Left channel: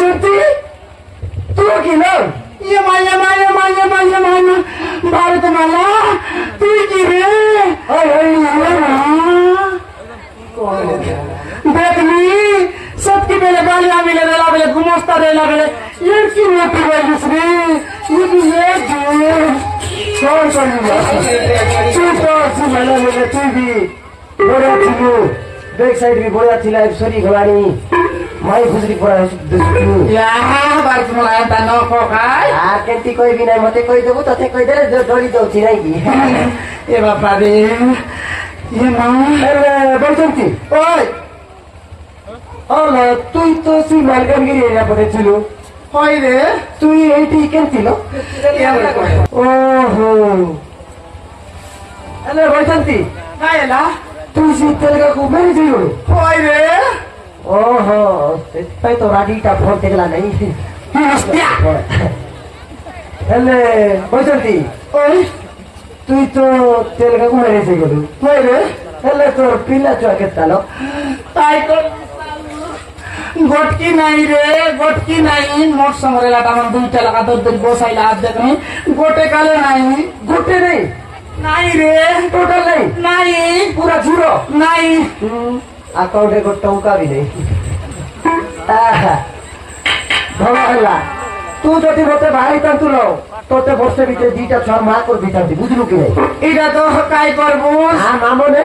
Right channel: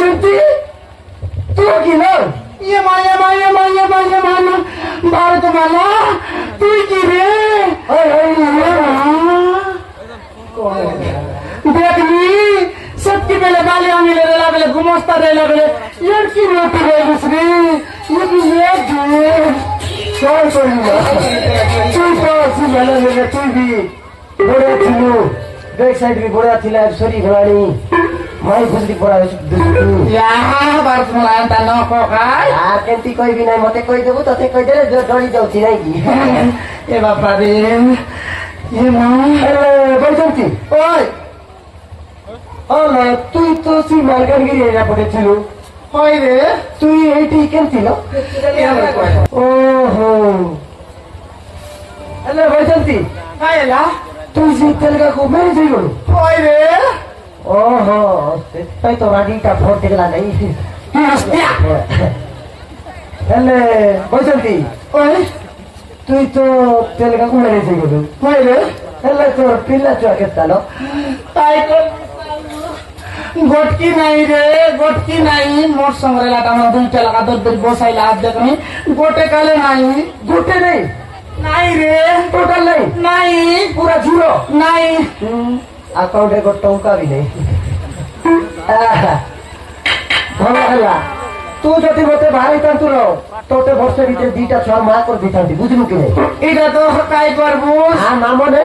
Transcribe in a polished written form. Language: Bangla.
সত্যি তোর কি নয় ইয়ে মাইয়া মাইয়া মাইয়া মাইয়া মাইয়া ভারত মালা তুই কি রে देखनी सबके पहले गालियां मिले रेला बेले घुमस्ता रेला बेले ये की मोटी है दूसरी ये भी ये कौन कौन सी मैंने लगा तू भी बड़ा चुनु बैक साइड भी बड़ा थिला सरी घोड़ानी माई खुजरी पूरा दुसरी यार बार मला आता न को काय यार केंती कोई भी नहीं मते कोई देबो तते कोई देले डोली जाउची नाही की ए बापा रे ये मां अरे बैठन की ओय अरे তুই তো সেই মালকানগিরি এরিয়া পড়েছিল হয় রে তুই এইটি কেন ছিল ওহো আরে বৈশান্তি হায়লা তুই সেই তেলগাকু মেরে ছিল হয় রে ওহো তাই তো রাগিটা ভোর থেকে নাই তুই হস্তিয়া আরে বৈশান্তি ওই তুই তো তেলগাকু মেরে ছিল হয় রে আরে তোর পিলা চোখে তালো তাই তো गोटकी नहीं रे गोटकी नहीं मोट संग्रह टाइम दुईटा लगा दर दर बसाइला आज देखनी गोटे काले नहीं गोटे नहीं रे टोटल नहीं पूरा जीरो नहीं अकाउंट रे टंका भी नहीं भला तू जति मते भारी तंतु लो तोते वर्ष भीतर दुईटा छर मा कर दिखाती बुझलु कि नहीं एटा तो काई करबो हां मामो